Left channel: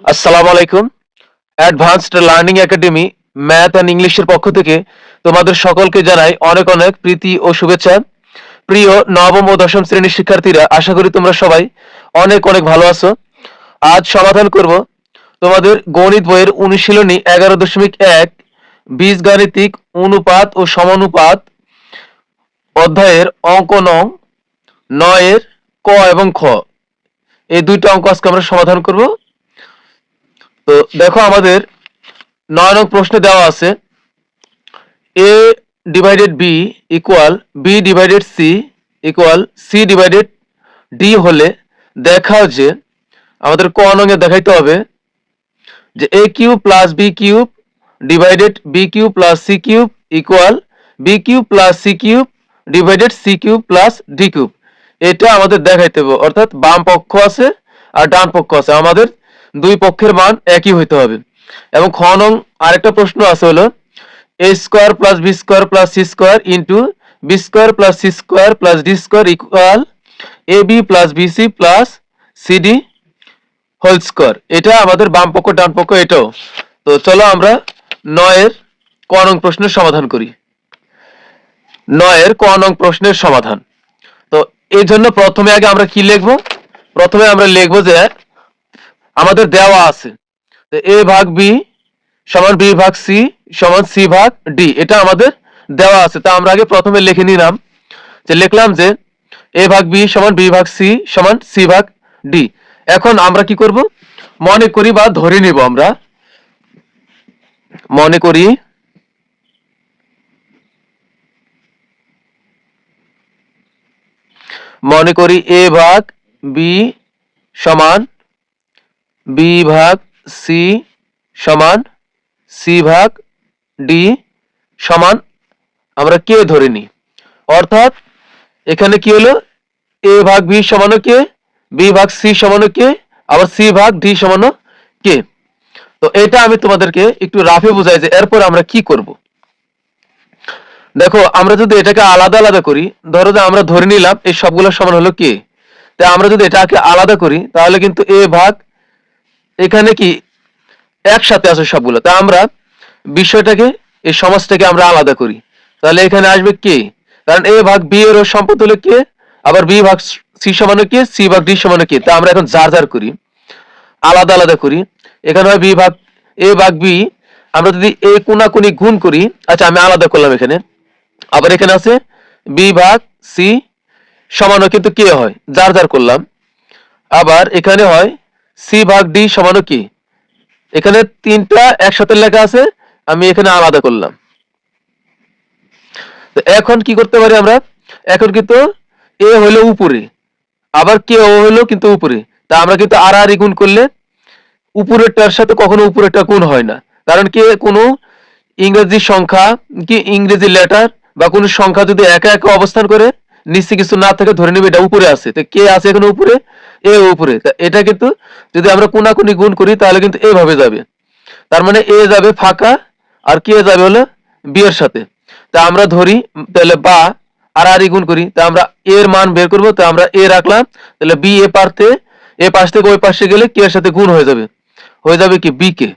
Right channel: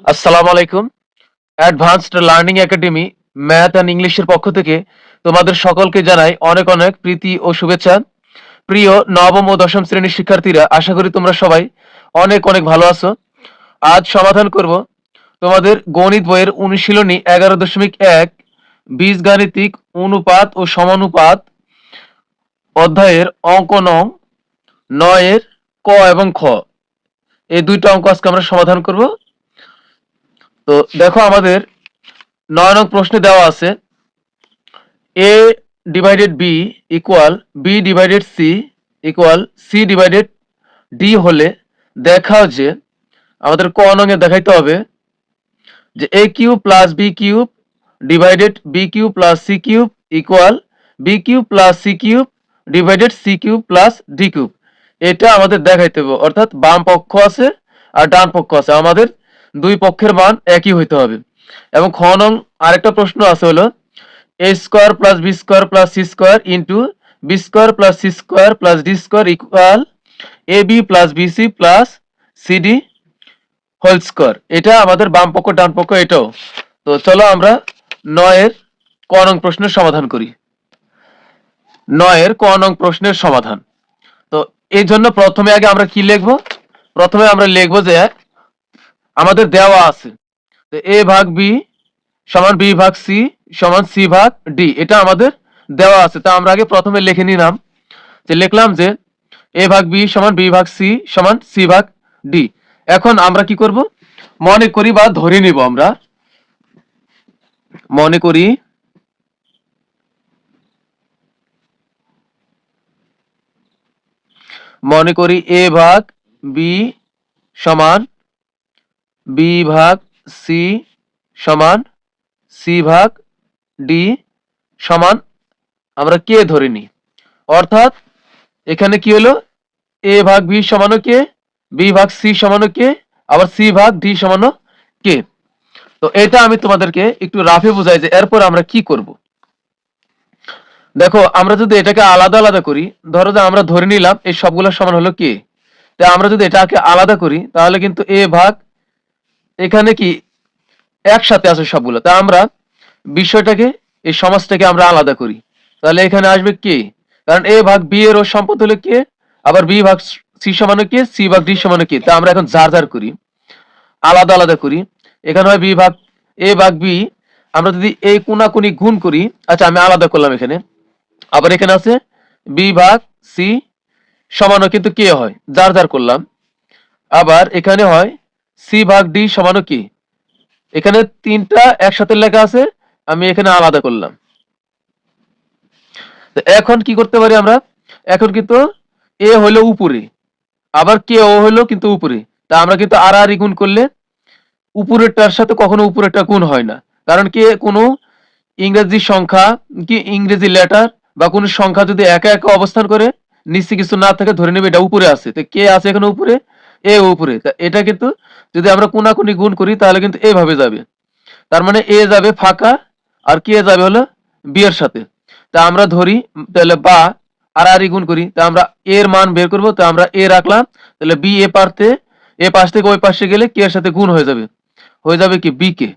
আসসালামু আলাইকুম। Advanced learning academy math and ইংলিশের পক্ষ থেকে তোমাদের সকলকে জানাই অনেক অনেক প্রীতি ও শুভেচ্ছা। প্রিয় নবম ও দশম শ্রেণীর শিক্ষার্থীরা, আশা করি তোমরা সবাই অনেক অনেক ভালো আছো। আজ সমাধান করব তোমাদের গণিত বইয়ের অনুশীলনী 11.1 বীজগাণিতিক অনুপাত ও সমানুপাত অধ্যায়ের অঙ্ক নং 9 এর ক এবং খ। এই দুইটা অঙ্ক আজকে আমরা সমাধান করব। তো দেখো, আমাদের 9 নং প্রশ্নে দেওয়া আছে a divided b equal b divided c equal c divided d হলে দেখাও যে, আমাদের ক নঙে দেখাইতে হবে যে a cube plus b cube divided b cube plus c cube equal b cube plus c cube divided c cube plus d cube. এটা আমাদের দেখাইতে হবে, অর্থাৎ বাম পক্ষ আছে আর ডান পক্ষ আছে, আমাদের দুই পক্ষের মান একই হইতে হবে। এবং খ নং আরেকটা প্রশ্ন আছে, হলো a square plus b square plus c square into b square plus c square plus d square equal ab plus bc plus cd whole square. এটা আমাদের বাম পক্ষ ডান পক্ষ এটাও। তো চলো আমরা 9 এর ক নং প্রশ্নের সমাধান করি। 9 এর ক নং প্রশ্নের সমাধান। তো এই জন্য প্রথমে আগে আমরা কি লিখব? প্রথমে আমরা লিখব যে আমাদের দেওয়া আছে a ভাগ b সমান b ভাগ c সমান c ভাগ d, এটা আমাদের দেওয়া আছে। তা আমরা আগে প্রথমে লিখে নিলাম, যে লিখলাম যে a ভাগ b সমান b ভাগ c সমান c ভাগ d। এখন আমরা কি করব? মনে করি বা ধরে নিব, আমরা মনে করি a ভাগ b সমান b ভাগ c সমান c ভাগ d সমান আমরা কে ধরে নিই। অর্থাৎ এখানে কি হলো, a ভাগ b সমান কে, b ভাগ c সমান কে, আবার c ভাগ d সমান কে। তো এটা আমি তোমাদেরকে একটু রাফে বুঝাই যে এরপর আমরা কি করব। দেখো, আমরা যদি এটাকে আলাদা আলাদা করি, ধরো যে আমরা ধরে নিলাম এই সবগুলো সমান হলো কে, তা আমরা যদি এটাকে আলাদা করি তাহলে কিন্তু a ভাগ, এখানে কি একসাথে আছে সবগুলো, তা আমরা বিষয়টাকে, এই সমাজটাকে আমরা আলাদা করি, তাহলে এখানে আসবে কে, কারণ a ভাগ b এর সম্পদ হলো কে, আবার b ভাগ c সমান কে, c ভাগ d সমান কে। তা আমরা এখন যার যার করি, আলাদা আলাদা করি। এখানে হয় b ভাগ a ভাগ b, আমরা যদি এই কোনাকুনি গুণ করি, আচ্ছা আমি আলাদা করলাম এখানে। আবার এখানে আছে b ভাগ c সমানও কিন্তু কে হয়, যার যার করলাম। আবার এখানে হয় c ভাগ d সমানও কি, এখানে তিনটা একসাথে লেখা আছে, আমি এখানে আলাদা করলাম। তো এখন কি করতে পারি আমরা? এখন কিন্তু এ হলো উপরে, আবার কে ও হলো কিন্তু উপরে, তা আমরা কিন্তু আর আর গুণ করলে উপরেরটার সাথে কখনো উপরেরটা গুণ হয় না, কারণ কি কোনো ইংরেজি সংখ্যা কি ইংরেজি লেটার বা কোনো সংখ্যা যদি একা একা অবস্থান করে, নিচে কিছু না থাকে, ধরে নেবে এটা উপরে আছে, তো কে আছে এখানে উপরে, এ উপরে। তা এটা কিন্তু যদি আমরা কোনাকুনি গুণ করি তাহলে কিন্তু এভাবে যাবে, তার মানে এ যাবে ফাঁকা আর কে যাবে হলো বি এর সাথে। তা আমরা ধরি তাহলে বা আর আর গুণ করি, তা আমরা এর মান বের করব, তা আমরা এ রাখলাম, তাহলে বি এ পারতে এ পাশ থেকে ওই পাশে গেলে কে এর সাথে গুণ হয়ে যাবে কি বি কে।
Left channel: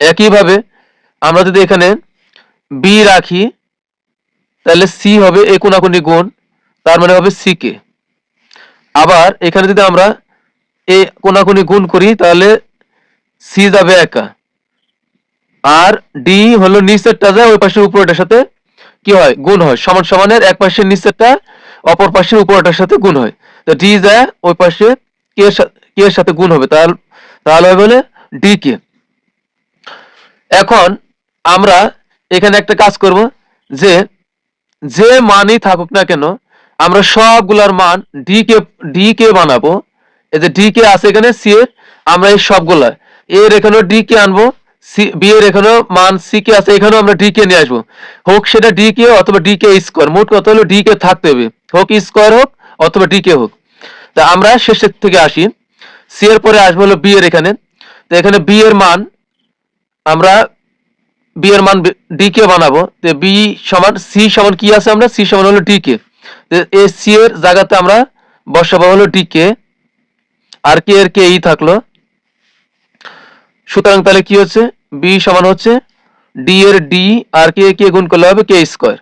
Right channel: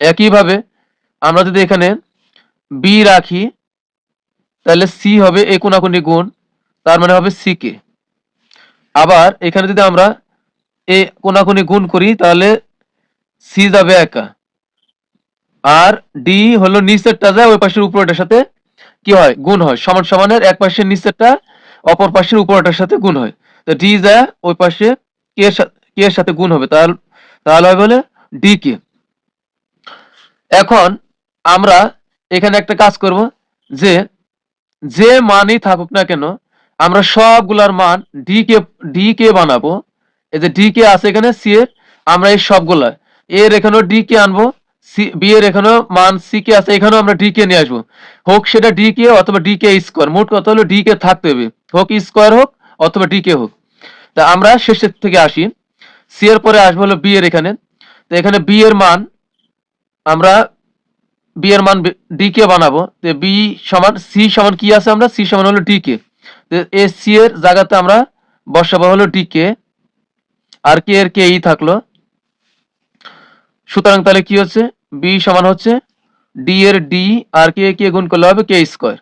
একইভাবে আমরা যদি এখানে বি রাখি তাহলে সি হবে এ কোনাকুনি গুণ, তার মানে হবে সি কে। আবার এখানে যদি আমরা এ কোনাকুনি গুণ করি তাহলে সি যাবে একা, আর ডি হলো নিচেরটা যায় ওই পাশের উপরেটার সাথে কি হয়, গুণ হয়। সমান সমানের এক পাশের নিচেরটা অপর পাশের উপরেটার সাথে গুণ হয়, তো ডি যায় ওই পাশে কে এর সাথে গুণ হবে, তাহলে তাহলে হবে বলে ডি কে। এখন আমরা এখানে একটা কাজ করব, যে যে মানই থাকুক না কেন আমরা সবগুলার মান ডি কে বানাবো। এই যে ডি কে আছে এখানে সি এর, আমরা এই সবগুলা এর এখানেও ডি কে আনবো, সি বি এর এখানেও মান সি কে আছে, এখানেও আমরা ডি কে নিয়ে আসবো, হোক সেটা ডি কে অথবা ডি কে স্কোয়ার, মোট কথা হলো ডি কে থাকতে হবে, হোক স্কোয়ার হোক অথবা ডি কে হোক। তা আমরা শেষের থেকে আসি, সি এর পরে আসবো হলো বি এর এখানে। তো এখানে বি এর মান আমরা বি এর মান ডি কে বানাবো, তো বি সমান সি সমান কি আছে, আমরা সি সমান হলো ডি কে, এ সি এর জায়গাতে আমরা বসাবো হলো ডি কে, আর কে এর কে ই থাকলো, সুতরাং তাহলে কি হচ্ছে, বি সমান হচ্ছে ডি এর ডি আর কে গুণ করলে হবে কে স্কোয়ার।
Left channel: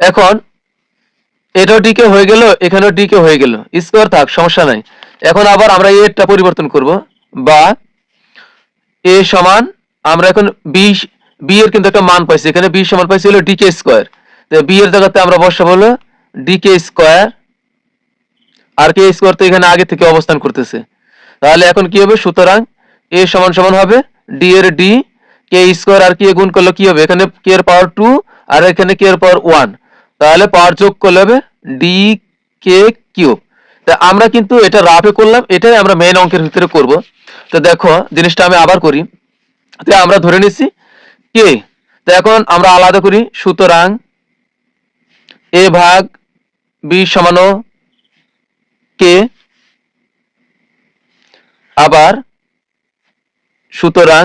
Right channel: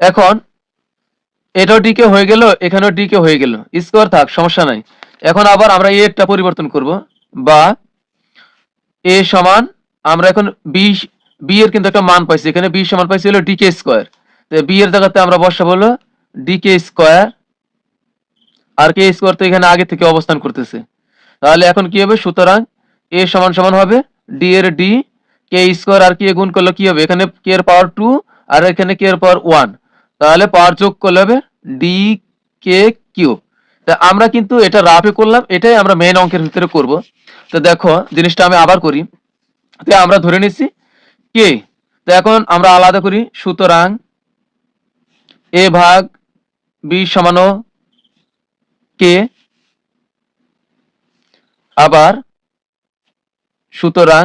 এখন এটাও ডি কে হয়ে গেল, এখানেও ডি কে হয়ে গেল, স্কোয়ার থাক, সমস্যা নাই। এখন আবার আমরা এরটা পরিবর্তন করব, বা এ সমান আমরা এখন বি এর কিন্তু একটা মান পাইছি, এখানে বি সমান পাইছি হলো ডি কে স্কোয়ার। তো বি এর জায়গাতে আমরা বসাবো হলো ডি কে স্কোয়ার, আর কে স্কোয়ার তো এখানে আগে থেকে অবস্থান করতেছে। তাহলে এখন কি হবে, সুতরাং এ সমান সমান হবে ডি এর ডি কে স্কোয়ার আর কে গুণ করলে কি হবে, এখানে কে এর পাওয়ার 2 আর এখানে কে এর পাওয়ার 1, তাহলে পাওয়ার যোগ করলে হবে ডি কে কিউব। তা আমরা কিন্তু এটা রাফে করলাম, এটাই আমরা মেইন অঙ্কের ভিতরে করব। তো দেখো জিনিসটা আমি আবার করি। তো আমরা ধরে নিচ্ছি কে, তো এখন আমরা আলাদা করি, সুতরাং এ ভাগ বি সমান কে, আবার সুতরাং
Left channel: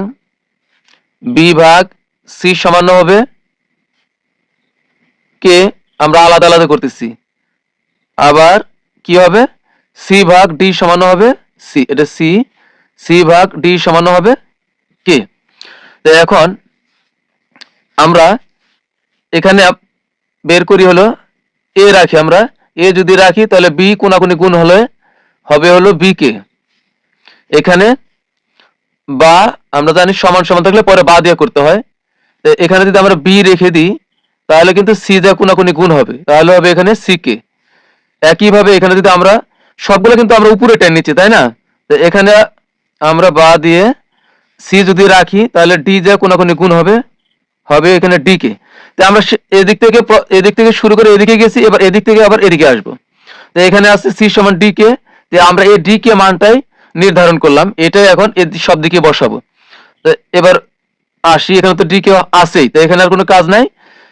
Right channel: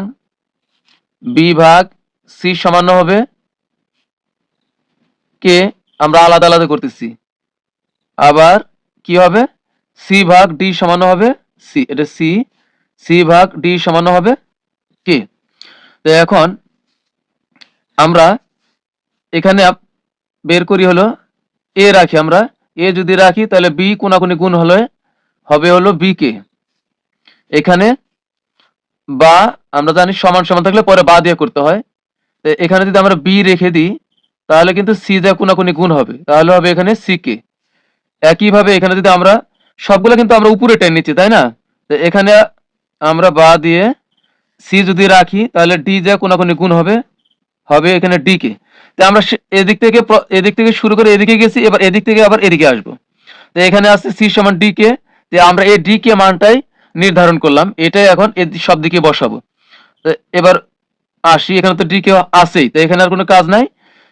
বি ভাগ সি সমান হবে কে, আমরা আলাদা আলাদা করতেছি। আবার কি হবে, সি ভাগ ডি সমান হবে সি, এটা সি, সি ভাগ ডি সমান হবে কে। তো এখন আমরা এখানে বের করি হলো এ রাখি, আমরা এ যদি রাখি তাহলে বি কোনাকুনি গুণ হলে হবে হলো বি কে। এখানে বা আমরা জানি সমান সমান থাকলে পরে বা দিয়ে করতে হয়, তো এখানে যদি আমরা বি রেখে দিই তাহলে কিন্তু সি যা কোনাকুনি গুণ হবে, তাহলে হবে এখানে সি কে। একইভাবে এখানে যদি আমরা সবগুলো কিন্তু আমরা উপরে টেনে নিচ্ছি, তাই না, তো এখানে আমরা বা দিয়ে সি যদি রাখি তাহলে ডি যা কোনাকুনি গুণ হবে, হবে এখানে ডি কে। তো আমরা এদিক থেকে শুরু করে এদিকে গেছি, এবার এদিক থেকে আবার এদিকে আসবো। তো এখানে আছে সি সমান ডি কে, তো আমরা এই ডি কে মানটাই নির্ধারণ করলাম, এটাই এখন সব দিকে বসাবো। তো এবার আসি, এখানে তো ডি কে আছেই, তো এখানে আর কোনো কাজ নাই।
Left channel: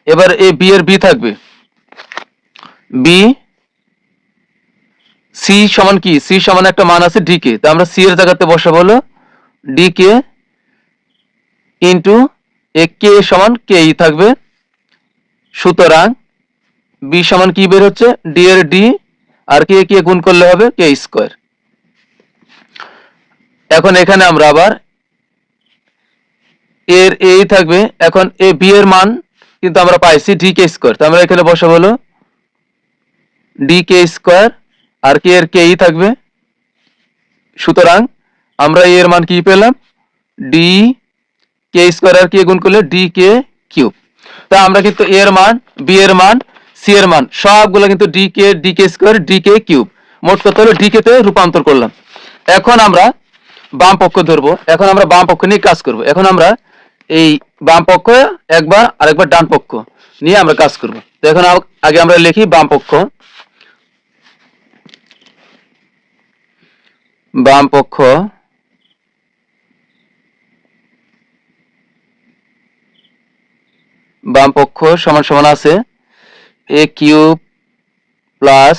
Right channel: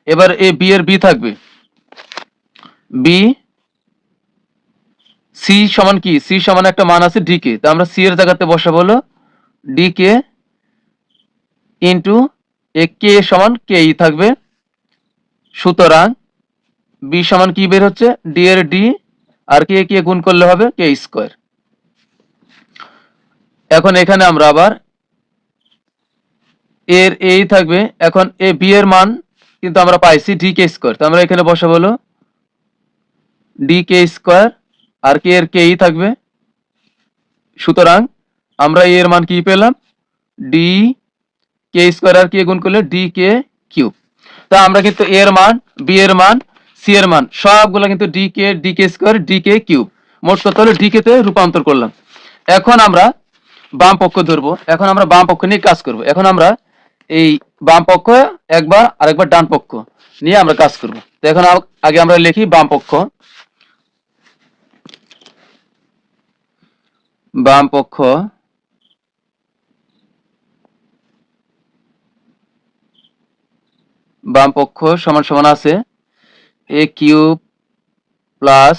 এবার এ বি এর বি থাকবে, বি সি সমান কি, সি সমান একটা মান আছে ডি কে, তো আমরা সি এর জায়গাতে বসাবো হলো ডি কে ইন্টু এ কে সমান কে ই থাকবে। সুতরাং বি সমান কি বের হচ্ছে, ডি এর ডি আর কে গুণ করলে হবে কে স্কোয়ার। এখন এখানে আমরা আবার এর এই থাকবে, এখন এ বি এর মান কিন্তু আমরা পাইছি ডি কে স্কোয়ার, তো আমরা এখানে বসাবো হলো ডি কে স্কোয়ার আর কে এর কে ই থাকবে। সুতরাং আমরা এর মান কি পেলাম, ডি কে স্কোয়ার আর কে গুণ করলে ডি কে কিউব। তা আমরা কিন্তু এর মান, বি এর মান, সি এর মান সবগুলো কিন্তু D k square D k cube, মোট কত হলো ডি কে তে রূপান্তর করলাম। এখন আমরা বাম পক্ষ ধরবো, এখন আমরা বাম পক্ষ নিয়ে কাজ করব। এখন আমরা এই বাম পক্ষ একবার আর একবার ডান পক্ষ নিয়ে আমরা কাজ করব। তো এখন আগে আমরা লিখি বাম পক্ষ, বাম পক্ষ বাম পক্ষ সমান সমান আছে A cube plus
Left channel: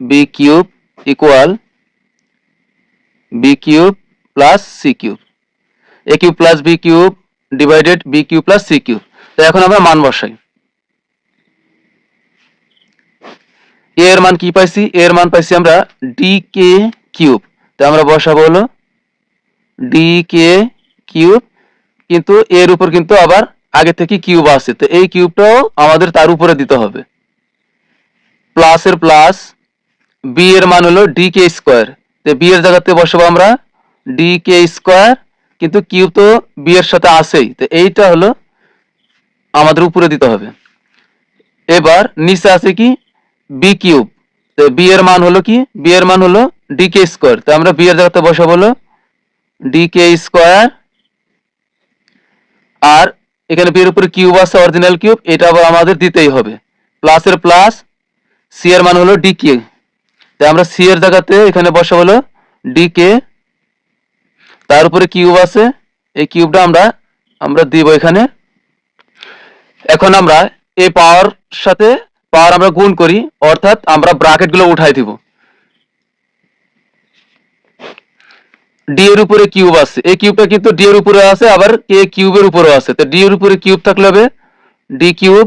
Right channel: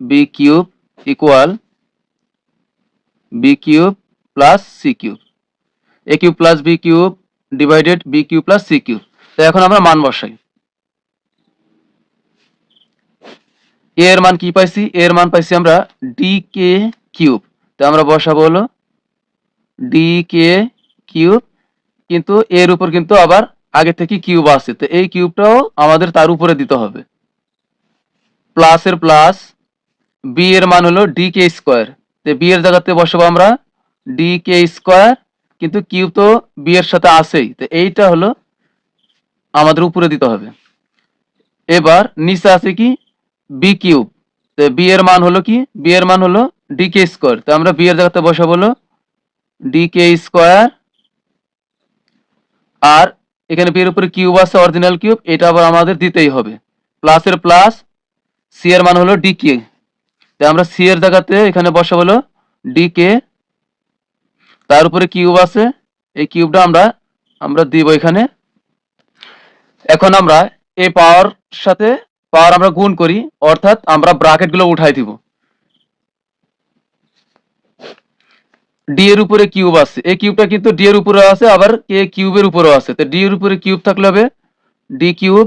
B cube equal B cube plus C cube, A cube plus B cube divided B cube plus C cube. তো এখন আমরা মান বসাই, এর মান কি পাইছি, এর মান পাইছি আমরা ডি কে কিউব, তো আমরা বসাবো হলো ডি কে কিউব, কিন্তু এর উপর কিন্তু আবার আগে থেকে কিউব আছে, তো এই কিউবটাও আমাদের তার উপরে দিতে হবে। প্লাস এর প্লাস, বি এর মান হলো ডি কে স্কোয়ার, তো বি এর জায়গাতে বসাবো আমরা ডি কে স্কোয়ার, কিন্তু কিউব তো বি এর সাথে আছেই, তো এইটা হলো আমাদের উপরে দিতে হবে। এবার নিচে আছে কি বি কিউব, তো বি এর মান হলো কি, বি এর মান হলো ডি কে স্কোয়ার, তো আমরা বি এর জায়গাতে বসাবো হলো ডি কে স্কোয়ার, আর এখানে বি এর উপরে কিউব আছে অরিজিনাল কিউব, এটা আবার আমাদের দিতেই হবে। প্লাস এর প্লাস, সি এর মান হলো ডি কে, তো আমরা সি এর জায়গাতে এখানে বসাবো হলো ডি কে, তার উপরে কিউব আছে, এই কিউবটা আমরা আমরা দিব এখানে। এখন আমরা এই পাওয়ার সাথে পাওয়ার আমরা গুণ করি, অর্থাৎ আমরা ব্র্যাকেট গুলো উঠাই দিব। ডি এর উপরে কিউব আছে, এই কিউবটা কিন্তু ডি এর উপরে আছে, আবার কে কিউবের উপরেও আছে, তো ডি এর উপরে কিউব থাকলে হবে ডি কিউব,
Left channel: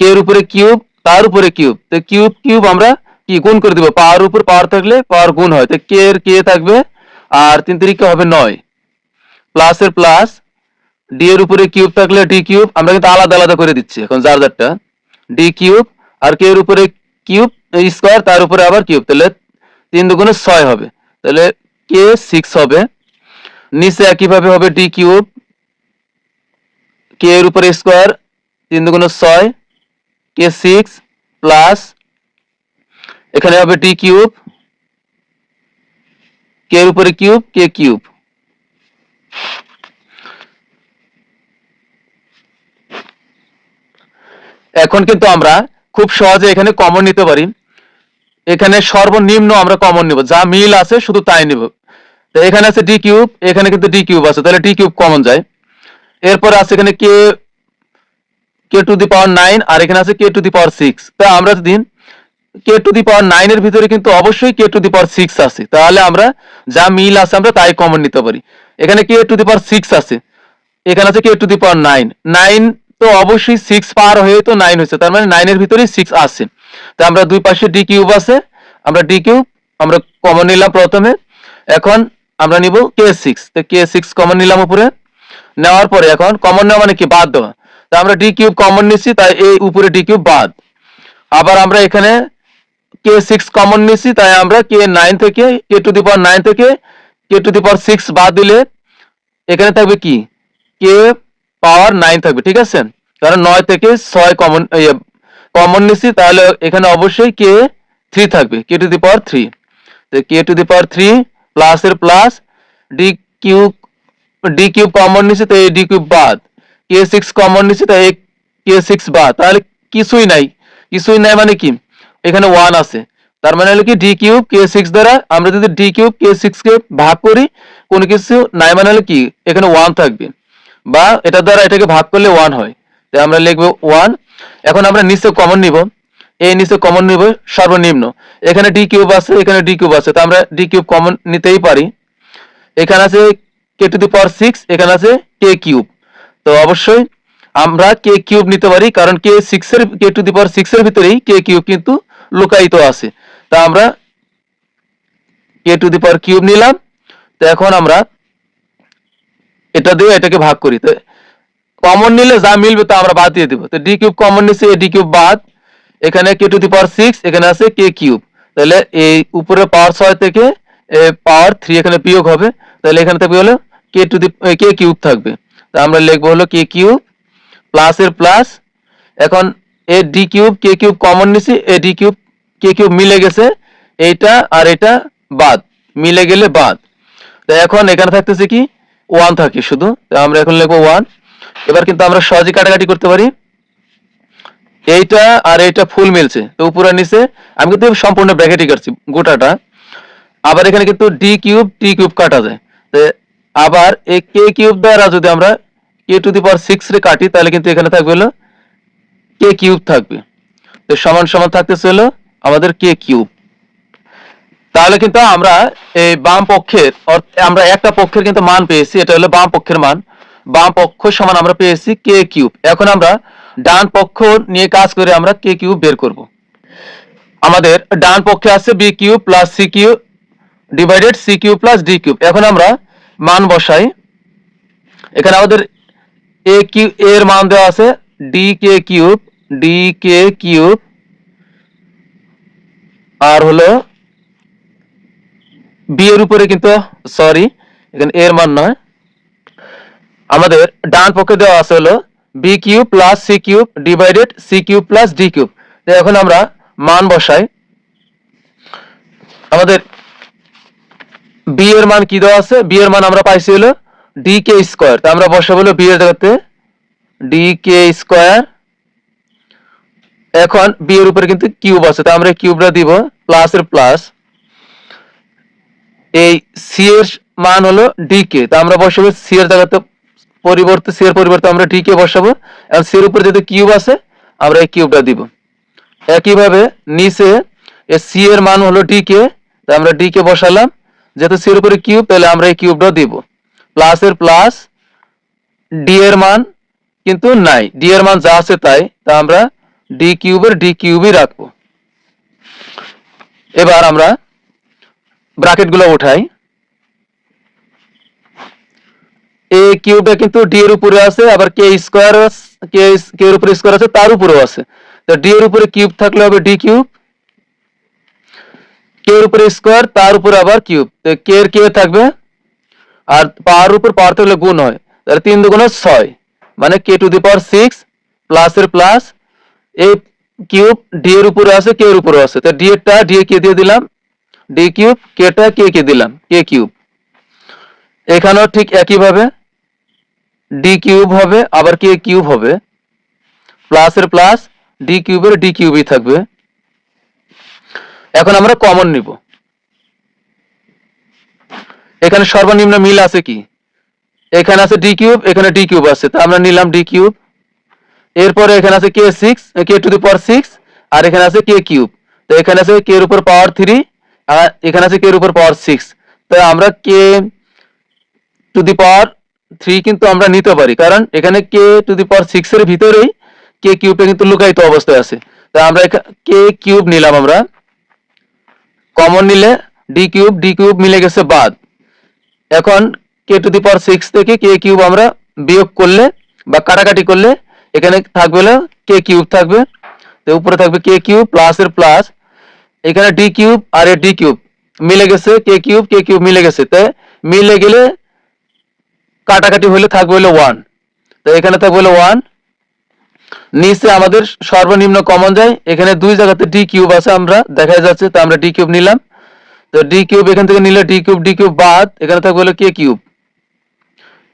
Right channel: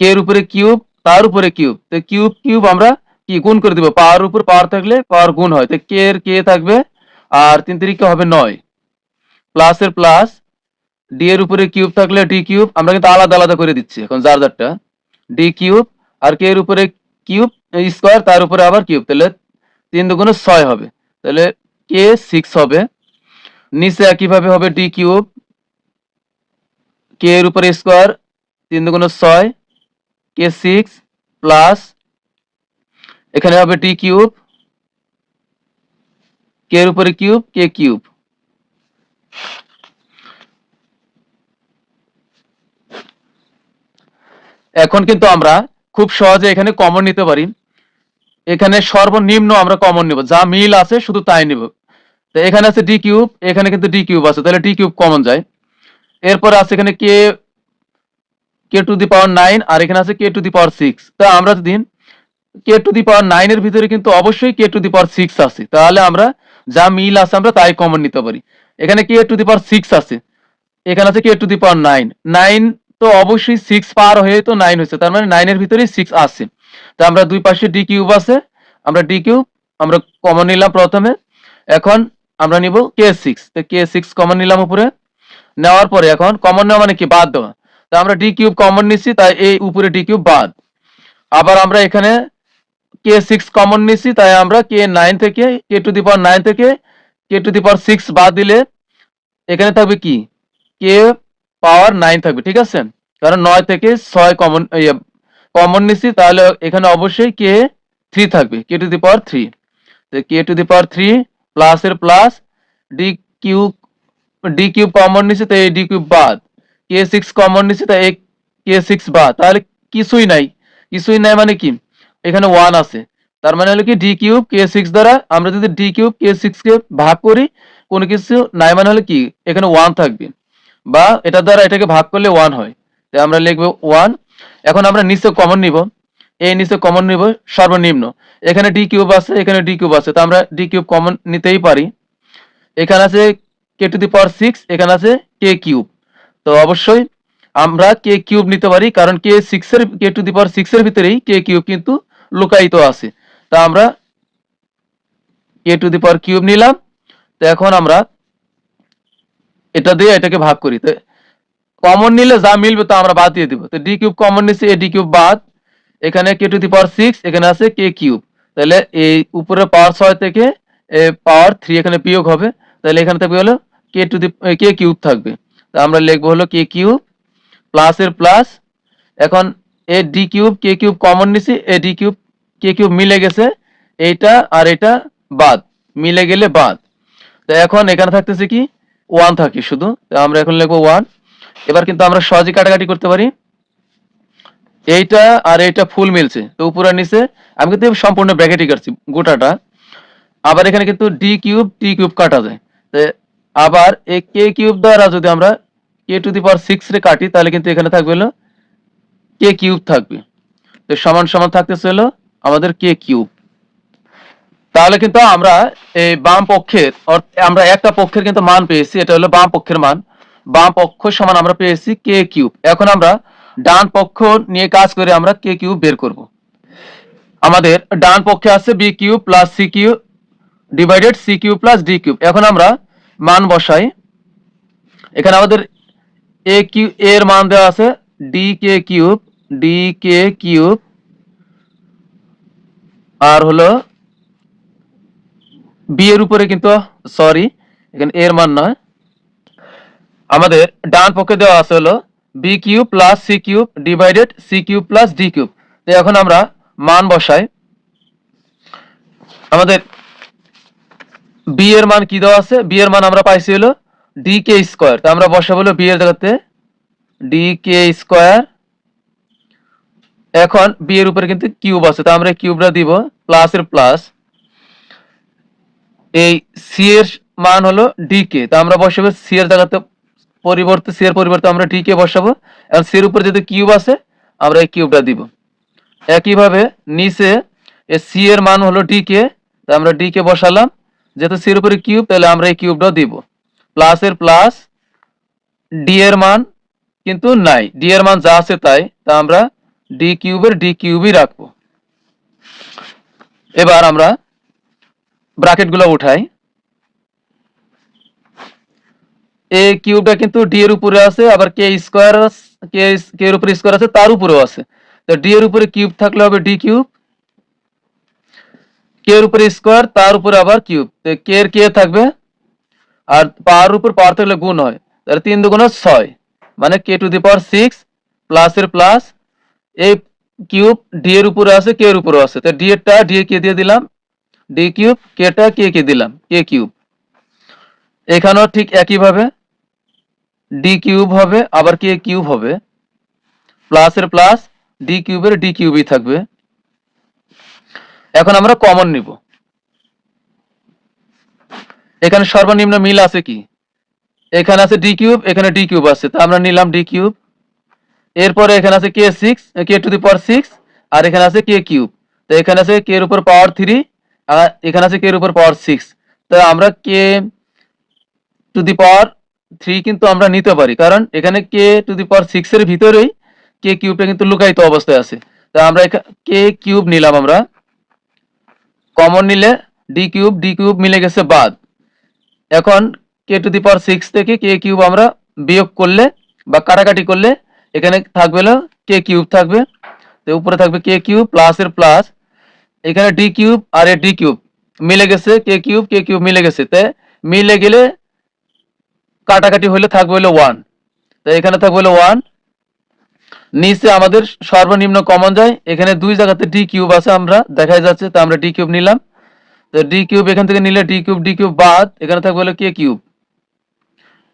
কে এর উপরে কিউব, তার উপরে কিউব, তো কিউব কিউব আমরা কি গুণ করে দিব, পাওয়ার উপর পাওয়ার থাকলে পাওয়ার গুণ হয়, তো কে এর কে থাকবে আর 3 3 হবে 9, প্লাসের প্লাস, ডি এর উপরে কিউব থাকলে ডি কিউব, আমরা কিন্তু আলাদা আলাদা করে দিচ্ছি এখন যার যারটা, ডি কিউব, আর কে এর উপরে কিউব স্কোয়ার, তার উপরে আবার কিউব, তাহলে 3 দুগুণে 6 হবে, তাহলে কে 6 হবে। নিচে একইভাবে হবে ডি কিউব, কে এর উপরে স্কোয়ার, 3 দুগুণে 6, কে 6 প্লাস, এখানে হবে ডি কিউব, কে এর উপরে কিউব, কে কিউব। এখন কিন্তু আমরা খুব সহজে এখানে কমন নিতে পারি, এখানে সর্বনিম্ন আমরা কমন নিব, যা মিল আছে শুধু তাই নিব। তো এখানে আছে ডি কিউব, এখানে কিন্তু ডি কিউব আছে, তাহলে ডি কিউব কমন যায়। এরপর আছে এখানে কে কে টু দি পাওয়ার 9, আর এখানে আছে কে টু দি পাওয়ার 6। তা আমরা যদি কে টু দি পাওয়ার 9 এর ভিতরে কিন্তু অবশ্যই কে টু দি পাওয়ার 6 আছে, তাহলে আমরা যা মিল আছে আমরা তাই কমন নিতে পারি। এখানে কে টু দি পাওয়ার 6 আছে, এখানে আছে কে টু দি পাওয়ার 9, 9 তো অবশ্যই 6 পার হয়ে তো 9 হয়েছে, তার মানে 9 এর ভিতরেই 6 আছে। তো আমরা দুই পাশে ডি কিউব আছে, আমরা ডি কিউব আমরা কমন নিলাম প্রথমে। এখন আমরা নিব কে 6, তো কে 6 কমন নিলাম উপরে, নেওয়ার পরে এখন কমন নেওয়া মানে কি, বাদ দেওয়া। তো আমরা ডি কিউব কমন নিছি, তাই এই উপরে ডি কিউব বাদ। আবার আমরা এখানে কে 6 কমন নিছি, তাই আমরা কে 9 থেকে কে টু দি পাওয়ার 9 থেকে কে টু দি পাওয়ার 6 বাদ দিলে এখানে থাকবে কি, কে পাওয়ার 9 থাকবে, ঠিক আছে। কারণ 9 থেকে 6 কমন কমন নিছি, তাহলে এখানে অবশ্যই কে 3 থাকবে, কে টু দি পাওয়ার 3। তো কে টু দি পাওয়ার 3 প্লাসের plus, D cube, D cube common নিছি, তো এই ডি কিউব বাদ, কে 6 কমন নিছি, তাই এই কে 6 বাদ, তাহলে কিছুই নাই। কিছুই নাই মানে কি, এখানে 1 আছে, তার মানে হলো কি ডি কিউব কে 6 দ্বারা আমরা যদি ডি কিউব কে 6 কে ভাগ করি, কোনো কিছু নাই মানে হলো কি এখানে 1 থাকবে, বা এটা দ্বারা এটাকে ভাগ করলে 1 হয়, তাই আমরা লিখবো 1। এখন আমরা নিচে কমন নিব, এই নিচে কমন নিব সর্বনিম্ন, এখানে ডি কিউব আছে, এখানে ডি কিউব আছে, তো আমরা ডি কিউব কমন নিতেই পারি। এখানে আছে কে টু দি পাওয়ার 6, এখানে আছে কে কিউব, তো অবশ্যই আমরা কে কিউব নিতে পারি, কারণ কে 6 এর কে টু দি পাওয়ার 6 এর ভিতরেই কে কিউব কিন্তু লুকায়িত আছে। তা আমরা কে টু দি পাওয়ার কিউব নিলাম। তো এখন আমরা এটা দিয়ে এটাকে ভাগ করি, তো কমন নিলে যা মিলবে তা আমরা বাদ দিয়ে দিব। তো ডি কিউব কমন নিছি, এ ডি কিউব বাদ, এখানে কে টু দি পাওয়ার 6, এখানে আছে কে কিউব, তাহলে এই উপরে পাওয়ার 6 থেকে পাওয়ার 3 এখানে বিয়োগ হবে, তাহলে এখানে থাকবে হলো কে টু দি কে কিউব থাকবে। তো আমরা লিখবো হলো কে কিউব প্লাসের প্লাস, এখন এ ডি কিউব কে কিউব কমন নিছি, এ ডি কিউব কে কিউব মিলে গেছে, এইটা আর এটা বাদ, মিলে গেলে বাদ। তো এখন এখানে থাকতেছে কি 1 থাকে শুধু, তো আমরা এখন লিখবো 1। এবার কিন্তু আমরা সহজে কাটাকাটি করতে পারি, এইটা আর এইটা ফুল মিলছে, তো উপরে নিচে আমি কিন্তু সম্পূর্ণ ব্র্যাকেটই কাটছি গোটাটা। আবার এখানে কিন্তু ডি কিউব টি কিউব কাটা যায়, তো আবার এই কে কিউব দ্বারা যদি আমরা কে টু দি পাওয়ার 6 রে কাটি, তাহলে কিন্তু এখানে থাকবে হলো কে কিউব থাকবে, তো সমান সমান থাকতেছে হলো আমাদের কে কিউব। তাহলে কিন্তু আমরা এই বাম পক্ষের আমরা একটা পক্ষের কিন্তু মান পেয়েছি, এটা হলো বাম পক্ষের মান, বাম পক্ষ সমান আমরা পেয়েছি কে কিউব। এখন আমরা ডান পক্ষ নিয়ে কাজ করে আমরা কে কিউব বের করব। আমাদের ডান পক্ষে আছে B cube plus C cube divided C cube plus D cube. এখন আমরা মান বসাই, এখানে আমাদের এ কিউ এর মান দেওয়া আছে ডি কে কিউব, আর হলো বি এর উপরে কিন্তু সরি এখানে এর মান নয়, আমাদের ডান পক্ষে দেওয়া আছে হলো B cube plus C cube divided C cube plus D cube. তো এখন আমরা মান বসাই, আমাদের বি এর মান কি দেওয়া আছে, বি এর মান আমরা পাইছি হলো ডি কে স্কোয়ার, তো আমরা বসাবো হলো বি এর জায়গাতে ডি কে স্কোয়ার। এখন বি এর উপরে কিন্তু কিউব আছে, তো আমরা কিউবটা দিব প্লাসের প্লাস, এই সি এর মান হলো ডি কে, তো আমরা বসাবো সি এর জায়গাতে পরিবর্তে সি এর পরিবর্তে আমরা ডি কে বসাবো, এবং সি এর উপরে যদি কিউব আছে আমরা এই কিউবটা দিব। একইভাবে নিচে এই সি এর মান হলো ডি কে, তো আমরা ডি কে বসালাম, যেহেতু সি এর উপরে কিউব তাহলে আমরা এই কিউবটা দিব প্লাসের প্লাস, ডি এর মান কিন্তু নাই, ডি এর মান যা আছে তাই, তা আমরা ডি কিউবের ডি কিউবই রাখবো। এবার আমরা ব্র্যাকেট গুলো উঠাই, এ কিউবটা কিন্তু ডি এর উপরে আছে, আবার কে স্কয়ার কে কে এর উপরে স্কয়ার আছে, তার উপরেও আছে। তো ডি এর উপরে কিউব থাকলে হবে ডি কিউব, কে এর উপরে স্কয়ার, তার উপরে আবার কিউব। তো কে এর কে থাকবে, আর পাওয়ার উপর পাওয়ার থাকলে গুণ হয়, তাহলে 3 দুগুণে 6, মানে কে টু দি পাওয়ার 6 প্লাস এর প্লাস এই কিউব ডি এর উপরে আছে, কে এর উপরে আছে। তো ডি এরটা ডি এ কে দিয়ে দিলাম ডি কিউব, কেটা কে কে দিলাম কে কিউব। এখানেও ঠিক একই ভাবে ডি কিউব হবে, আবার কে কিউব হবে, প্লাস এর প্লাস ডি কিউবের ডি কিউবই থাকবে। এখন আমরা কমন নিব, এখানে সর্বনিম্ন মিল আছে কি, এখানে আছে ডি কিউব, এখানে ডি কিউব আছে, তো আমরা নিলাম ডি কিউব। এরপরে এখানে আছে কে 6 কে টু দি পাওয়ার 6, আর এখানে আছে কে কিউব, তো এখানে আছে কে এর উপর পাওয়ার 3, আর এখানে আছে কে এর উপর পাওয়ার 6। তো আমরা কে টু দি পাওয়ার 3 কিন্তু আমরা নিতে পারি, কারণ এখানে কে টু দি পাওয়ার 6 এর ভিতরেই কে কিউবটা কিন্তু লুকায়িত অবস্থায় আছে। তো আমরা কে কিউব নিলাম, আমরা কমন নিলে ডি কিউব মিলে গেছে বাদ। এখন কে টু দি পাওয়ার 6 থেকে কে কিউব আমরা বিয়োগ করলে বা কাটাকাটি করলে এখানে থাকবে হলো কে কিউব থাকবে, তো উপরে থাকবে কে কিউব প্লাস এর প্লাস, এখানে ডি কিউব আর এ ডি কিউব মিলে গেছে, কে কিউব মিলে গেছে, তাই মিলে গেলে কাটাকাটি হলে থাকবে হলো 1, তো এখানে থাকবে হলো 1। নিচে আমাদের সর্বনিম্ন কমন যায়, এখানে দুই জায়গাতে ডি কিউব আছে আমরা দেখা যাচ্ছে, তো আমরা ডি কিউব নিলাম। তো ডি কিউব এখান থেকে নিলে ডি কিউব বাদ, এখানে থাকবে হলো কে কিউব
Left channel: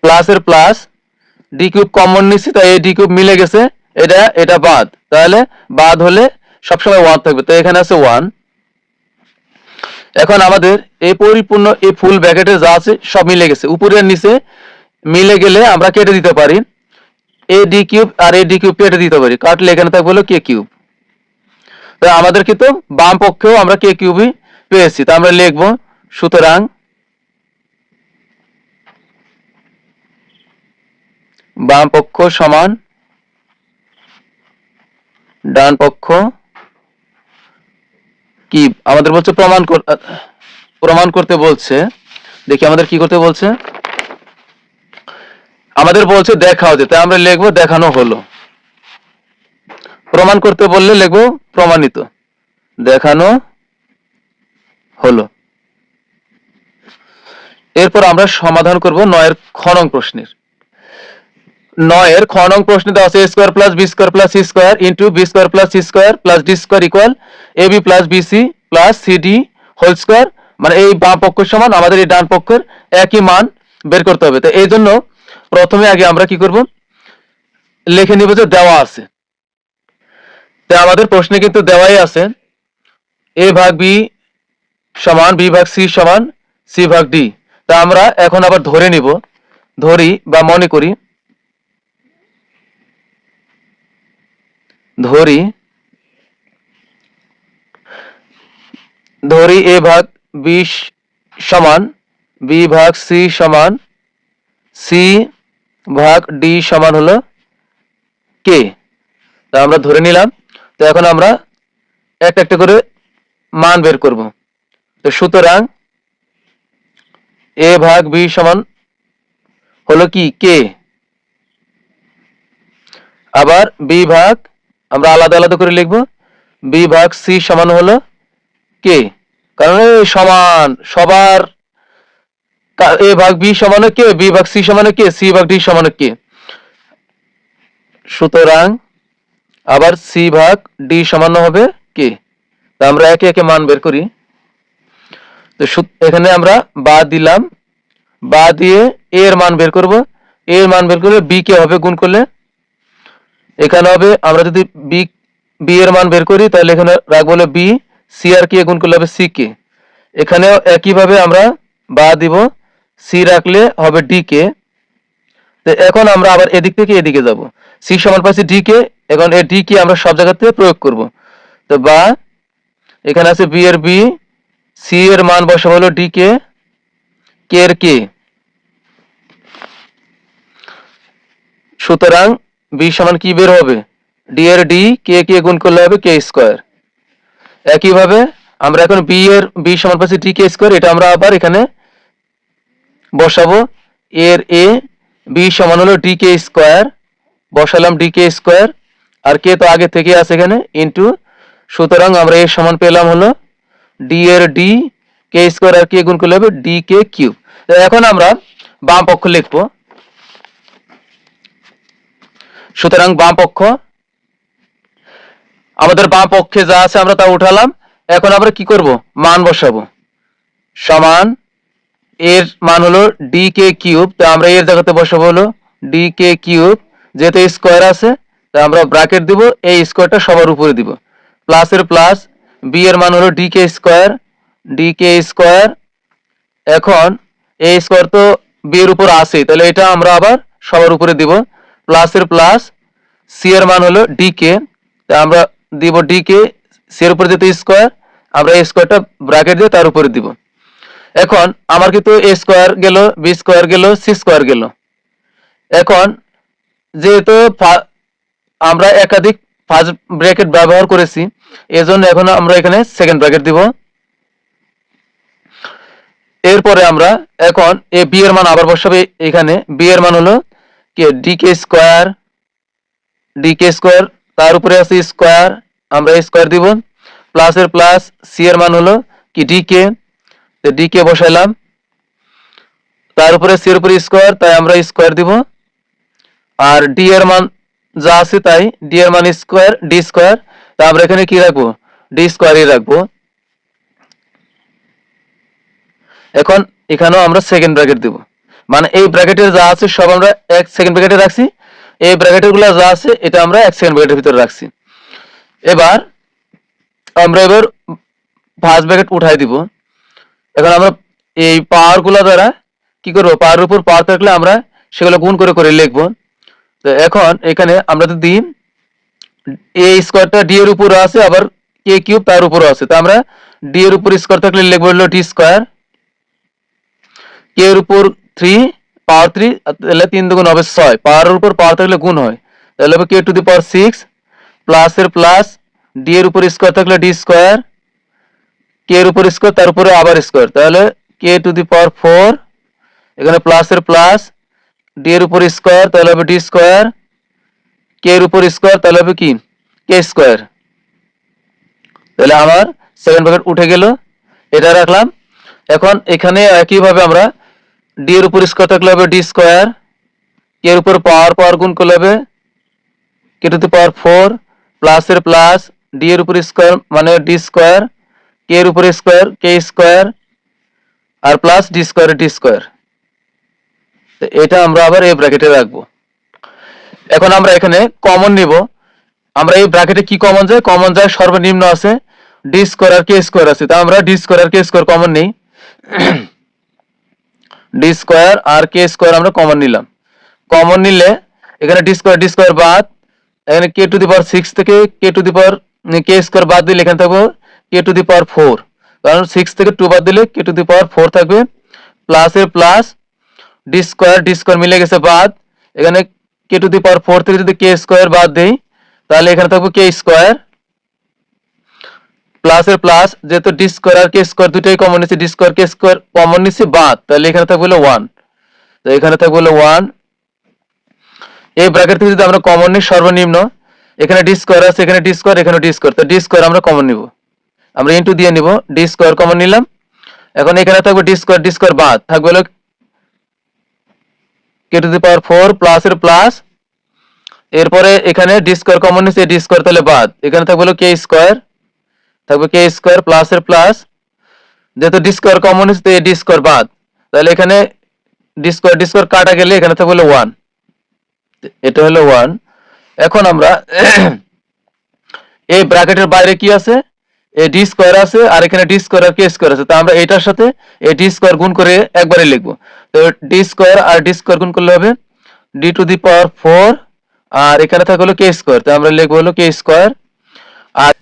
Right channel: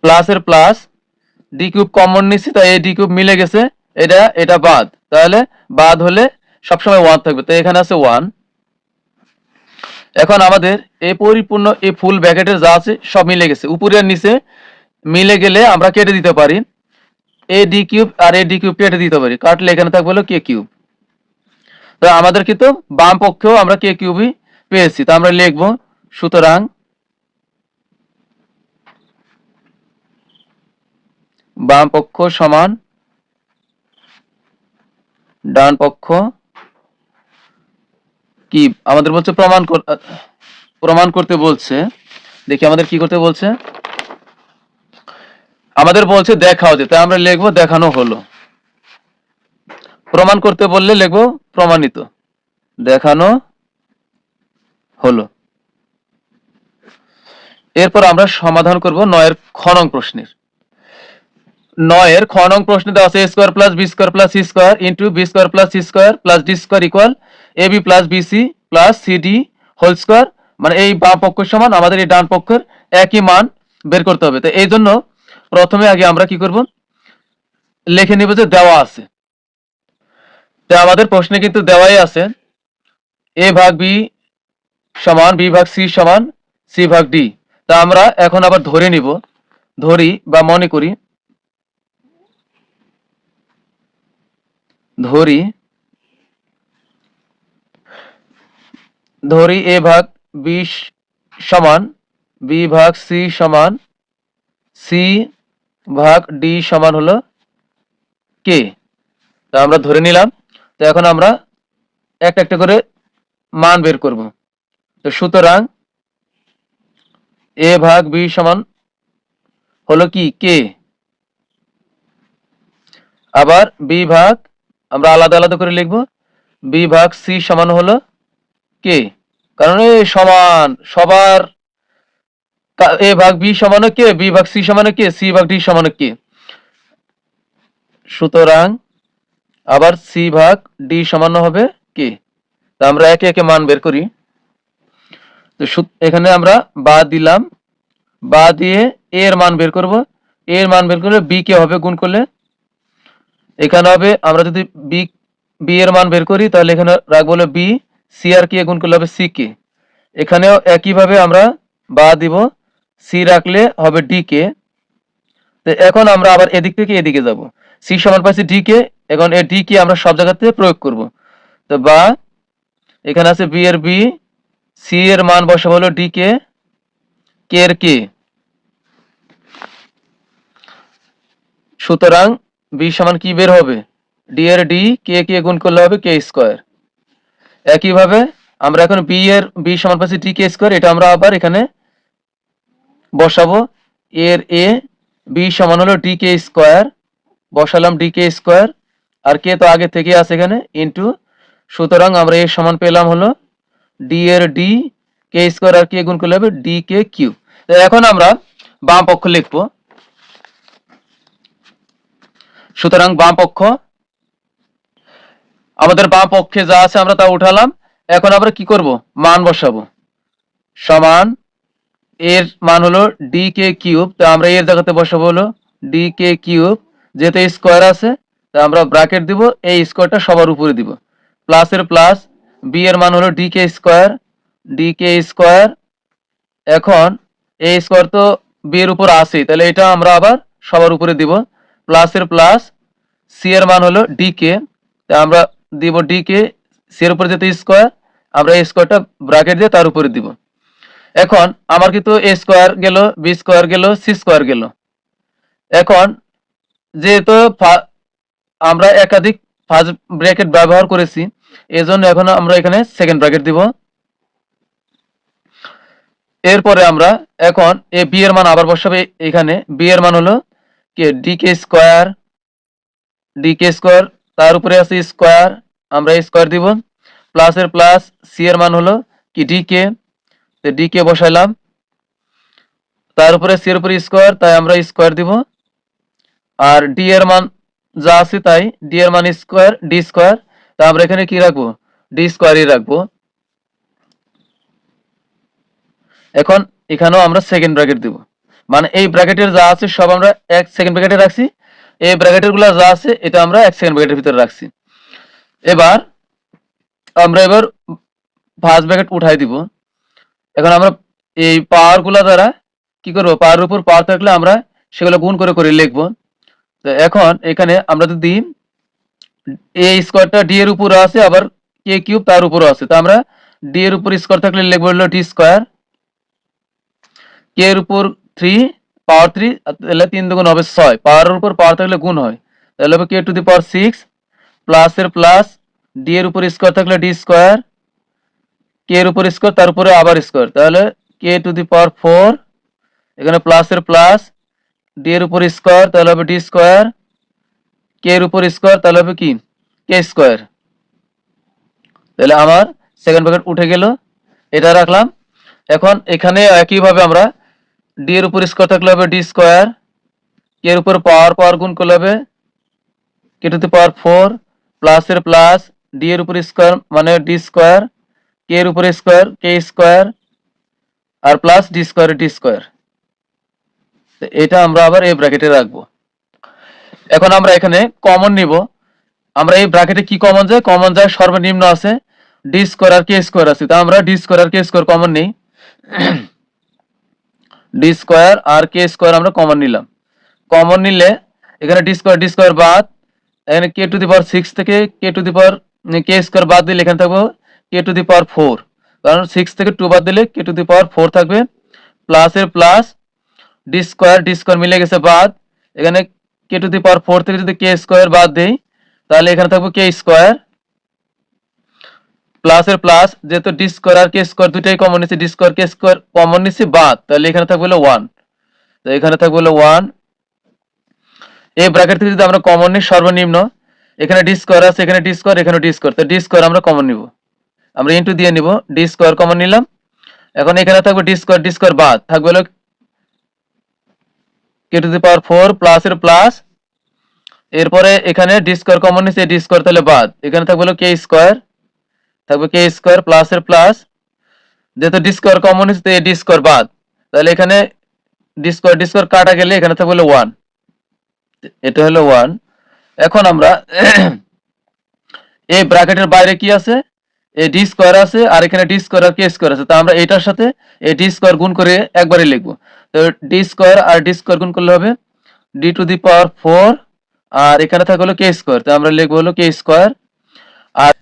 প্লাস এর প্লাস ডি কিউব কমন নিচ্ছি, তাই এই ডি কিউব মিলে গেছে, এটা বাদ, তাহলে বাদ হলে সবসময় 1 থাকবে, তো এখানে আছে 1। এখন আমাদের এই পরিপূর্ণ এই ফুল ব্র্যাকেটে যা আছে সব মিলে গেছে, উপরে আর নিচে মিলে গেলে আমরা কেটে দিতে পারি, এ ডি কিউব আর এ ডি কিউব কেটে দিতে পারি, কাটলে এখানে থাকবে হলো কে কিউব। তো আমাদের কিন্তু বাম পক্ষেও আমরা কে কিউবই পেয়েছি, তো আমরা লিখবো সুতরাং বাম পক্ষ সমান ডান পক্ষ কি আমাদের বলছে প্রমাণ করতে বলছে। দেখি আমাদের কি করতে বলছে, আমাদের বলছে দেখাও যে, তাই আমরা লিখবো দেখানো হলো। প্রমাণ করতে বললে লিখবো প্রমাণিত, দেখানো হলো। এরপর আমরা সমাধান করব 9 এর খ নং প্রশ্নের। 9 এর খ নং প্রশ্নে দেওয়া আছে a square plus b square plus c square into b square plus c square plus d square equal ab plus bc plus cd whole square, মানে এই বাম পক্ষের সমান আমাদের এই ডান পক্ষের একই মান বের করতে হবে। তো এই জন্য প্রথমে আগে আমরা কি করব, লিখে নিব যে দেওয়া আছে। তো আমাদের প্রশ্নে কিন্তু দেওয়াই আছে a ভাগ b সমান b ভাগ c সমান c ভাগ d। তা আমরা এখন আবার ধরে নিব, ধরি বা মনে করি, ধরি a ভাগ b সমান b ভাগ c সমান c ভাগ d সমান হলো k। তা আমরা ধরে নিলাম। তো এখন আমরা একটা একটা করে মান বের করব। তো সুতরাং a ভাগ b সমান হলো কি k, আবার b ভাগ আমরা আলাদা আলাদা করে লিখব, b ভাগ c সমান হলো k, কারণ এই সমান সবার a ভাগ b সমান k, b ভাগ c সমান k, c ভাগ d সমান k। সুতরাং আবার c ভাগ d সমান হবে k। তো আমরা একে একে মান বের করি। তো এখানে আমরা বা দিলাম, বা দিয়ে a এর মান বের করব, a এর মান বের করলে b কে হবে গুণ করলে, এখানে হবে আমরা যদি b এর মান বের করি তাহলে এখানে রাখবো হলো b, c আর কে গুণ করলে হবে c কে। এখানেও একই ভাবে আমরা বা দিব, c রাখলে হবে d কে। তো এখন আমরা আবার এদিক থেকে এদিকে যাব, c সমান পাচ্ছি d কে, এখন এই d কে আমরা সব জায়গাতে প্রয়োগ করব। তো বা এখানে আছে b এর b, c এর মান বসাবো হলো d কে, k এর k। সুতরাং b সমান কি বের হবে, d এর d, k কে গুণ করলে হবে k স্কয়ার। একইভাবে আমরা এখন b সমান পাচ্ছি d k স্কয়ার, এটা আমরা আবার এখানে বসাবো, a এর a, বি সমান হলো ডি কে স্কোয়ার, বসালাম ডি কে স্কোয়ার, আর কে তো আগে থেকে আছে এখানে ইন্টু, সুতরাং আমরা এর সমান পেলাম হলো ডি এর ডি কে স্কোয়ার আর কে গুণ করলে হবে ডি কে কিউব। এখন আমরা বাম পক্ষ লিখবো, সুতরাং বাম পক্ষ আমাদের বাম পক্ষে যা আছে আমরা তা উঠালাম। এখন আমরা কি করব, মান বসাবো, সমান এর মান হলো ডি কে কিউব, তো আমরা এর জায়গাতে বসাবো হলো ডি কে কিউব, যেহেতু স্কোয়ার আছে তো আমরা ব্র্যাকেট দিব, এই স্কোয়ারটা সবার উপরে দিব, প্লাস এর প্লাস, বি এর মান হলো d k square, D k square. এখন এই স্কোয়ার তো বি এর উপর আছে, তাহলে এটা আমরা আবার সবার উপরে দিব, প্লাস এর প্লাস, সি এর মান হলো ডি কে, আমরা দিব ডি কে, সি এর উপরে যেতে স্কোয়ার, আমরা এই স্কোয়ারটা ব্র্যাকেট দিয়ে তার উপরে দিব। এখন আমার কিন্তু এ স্কোয়ার গেল, বি স্কোয়ার গেল, সি স্কোয়ার গেল। এখন যেহেতু আমরা একাধিক ফার্স্ট ব্র্যাকেট ব্যবহার করেছি, এজন্য এখন আমরা এখানে সেকেন্ড ব্র্যাকেট দিব। এরপরে আমরা এখন এ বি এর মান আবার বসাবে, এখানে বি এর মান হলো কি d k square, D k square, তার উপরে আছে স্কোয়ার, আমরা স্কোয়ার দিব, প্লাস এর প্লাস, সি এর মান হলো কি ডি কে, ডি কে বসাইলাম, তার উপরে সি এর উপরে স্কোয়ার, তাই আমরা স্কোয়ার দিব, আর ডি এর মান যা আছে তাই, ডি এর মান স্কোয়ার, ডি স্কোয়ার, তা আমরা এখানে কি রাখবো, ডি স্কোয়ারই রাখবো। এখন এখানেও আমরা সেকেন্ড ব্র্যাকেট দিব, মানে এই ব্র্যাকেটের যা আছে সব আমরা এক সেকেন্ড ব্র্যাকেটে রাখছি, এই ব্র্যাকেটের গুলো যা আছে এটা আমরা এক সেকেন্ড ব্র্যাকেটের ভিতরে রাখছি। এবার আমরা ফার্স্ট ব্র্যাকেট উঠাই দিব। এখন আমরা এই পাওয়ার গুলা দ্বারা কি করবো, পাওয়ার উপর পাওয়ার থাকলে আমরা সেগুলো গুণ করে করে লিখবো। তো এখন এখানে আমরা যদি এ স্কোয়ারটা ডি এর উপরে আছে, আবার কে কিউব তার উপরে আছে, তো আমরা ডি এর উপর স্কোয়ার থাকলে লিখবো হলো ডি স্কোয়ার, কে এর উপর 3 পাওয়ার 3, তাহলে 3 দুগুণ হবে 6, পাওয়ারের উপর পাওয়ার থাকলে গুণ হয়, তাহলে হবে K to the power 6, plus এর প্লাস, ডি এর উপর স্কোয়ার থাকলে ডি স্কোয়ার, কে এর উপর স্কোয়ার তার উপরে আবার স্কোয়ার, তাহলে কে টু দি পাওয়ার 4, এখানে প্লাস এর প্লাস, ডি এর উপর স্কোয়ার তাহলে হবে ডি স্কোয়ার, কে এর উপর স্কোয়ার তাহলে হবে কি কে স্কোয়ার। তাহলে আমার সেকেন্ড ব্র্যাকেট উঠে গেল, এটা রাখলাম। এখন এখানে একইভাবে আমরা ডি এর উপর স্কোয়ার থাকলে হবে ডি স্কোয়ার, কে এর উপর পাওয়ার পাওয়ার গুণ করলে হবে K to the power 4, plus এর প্লাস, ডি এর উপর স্কোয়ার মানে ডি স্কোয়ার, কে এর উপর স্কোয়ার কে স্কোয়ার, আর plus D square D square. এটা আমরা আবার এই ব্র্যাকেটে রাখবো। এখন আমরা এখানে কমন নিব, আমরা এই ব্র্যাকেটে কি কমন যায়, কমন যায় সর্বনিম্ন আছে ডি স্কোয়ার আর কে স্কোয়ার আছে, তা আমরা ডি স্কোয়ার আর কে স্কোয়ার কমন নেই, ডি স্কোয়ার আর কে স্কোয়ার আমরা কমন নিলাম। কমন নিলে এখানে ডি স্কোয়ার বাদ, এখানে কে টু দি পাওয়ার 6 থেকে কে to the power K square বাদ দিলে এখানে থাকবে কে টু দি পাওয়ার 4, কারণ 6 থেকে 2 বাদ দিলে কে টু দি পাওয়ার 4 থাকবে, প্লাস এর প্লাস, ডি স্কোয়ার মিলে গেছে বাদ, এখানে কে টু দি পাওয়ার 4 থেকে যদি কে স্কোয়ার বাদ দেই তাহলে এখানে থাকবে কে স্কোয়ার, প্লাস এর প্লাস, যেহেতু ডি স্কোয়ার আর কে স্কোয়ার দুটাই কমন নিচ্ছে, D square K square common নিচ্ছে বাদ, তাহলে এখানে থাকবে হলো 1, তো এখানে থাকবে হলো 1। এই ব্র্যাকেট থেকে যদি আমরা কমন নিই সর্বনিম্ন, এখানে ডি স্কোয়ার আছে, এখানে ডি স্কোয়ার, এখানে ডি স্কোয়ার, তো ডি স্কোয়ার আমরা কমন নিব, আমরা ইনটু দিয়ে নিব, ডি স্কোয়ার কমন নিলাম। এখন এখানে থাকবে ডি স্কোয়ার বাদ থাকবে হলো কে টু দি পাওয়ার 4 প্লাস এর প্লাস, এরপরে এখানে ডি স্কোয়ার কমন নিচ্ছে, ডি স্কোয়ার তাহলে বাদ, এখানে থাকবে হলো কে স্কোয়ার, থাকবে কে স্কোয়ার প্লাস এর প্লাস, যেহেতু ডি স্কোয়ার কমন নিচ্ছে তো ডি স্কোয়ার বাদ, তাহলে এখানে ডি স্কোয়ার কাটা গেলে এখানে থাকবে হলো 1, এটা হলো 1। এখন আমরা এই ব্র্যাকেটের বাইরে কি আছে, এই ডি স্কোয়ার আছে, আর এখানে ডি স্কোয়ার আর কে স্কোয়ার আছে, তো আমরা এটার সাথে এই ডি স্কোয়ার গুণ করে একবারে লিখবো, তো ডি স্কোয়ার আর ডি স্কোয়ার গুণ করলে হবে ডি টু দি পাওয়ার 4, আর এখানে থাকবে হলো কে স্কোয়ার, তো আমরা লিখবো হলো কে স্কোয়ার, আর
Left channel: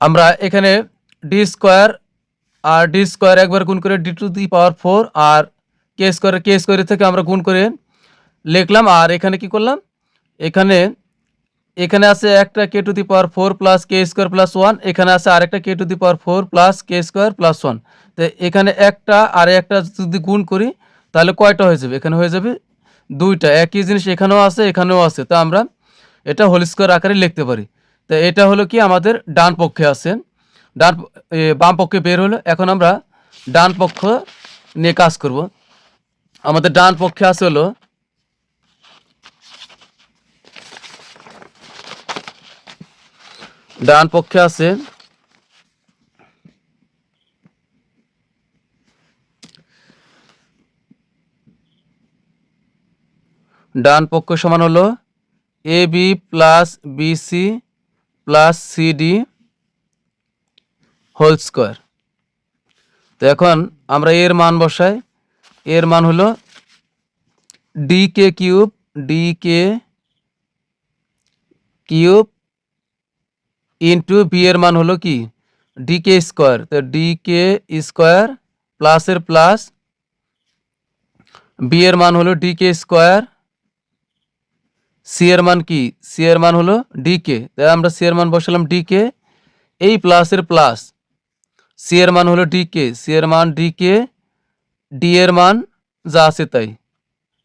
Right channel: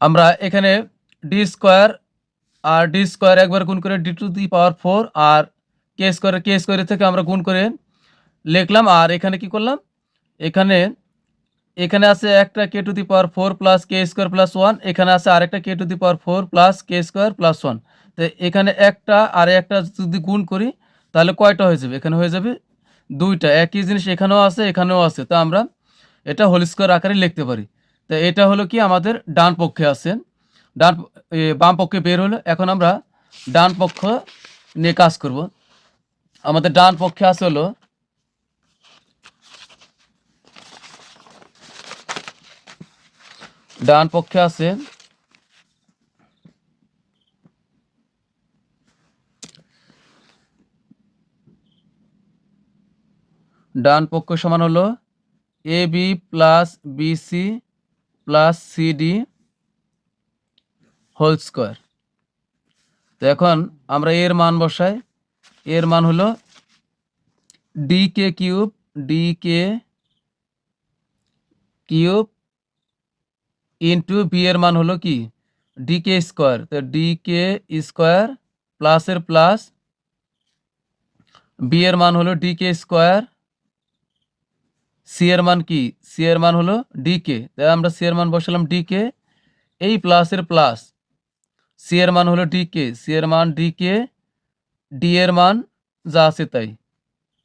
আমরা এখানে ডি স্কোয়ার আর ডি স্কোয়ার একবার গুণ করে ডি টু দি পাওয়ার 4 আর কে স্কোয়ার থেকে আমরা গুণ করে লিখলাম, আর এখানে কি করলাম, এখানে এখানে আছে একটা k to the power 4 plus k square plus 1, এখানে আছে আরেকটা k to the power 4 plus k square plus 1, তো এখানে একটা আর একটা যদি গুণ করি তাহলে কয়টা হয়ে যাবে, এখানে হয়ে যাবে দুইটা একই জিনিস এখানেও আছে এখানেও আছে, তো আমরা এটা হোল স্কোয়ার আকারে লিখতে পারি। তো এটা হলো কি আমাদের ডান পক্ষে আছে, ডান বাম পক্ষে বের হলো। এখন আমরা ডান পক্ষ নিয়ে কাজ করব। আমাদের ডান পক্ষে আছে হলো ডান পক্ষে আছে ডান পক্ষ সমান হলো a b plus bc plus cd whole square. তো এখন আমরা এর মান বসাই, এর মান হলো d k cube, d k cube into b এর মান হলো কি ডি কে স্কোয়ার। তো ডি কে স্কোয়ার প্লাসের প্লাস, বি এর মান হলো ডি কে স্কোয়ার, সি এর মান কি, সি এর মান হলো ডি কে, তাই আমরা সি এর মান বসালাম ডি কে, এই প্লাসের প্লাস, সি এর মান হলো ডি কে, সি এর মান ডি কে, ডি এর মান যা আছে তাই,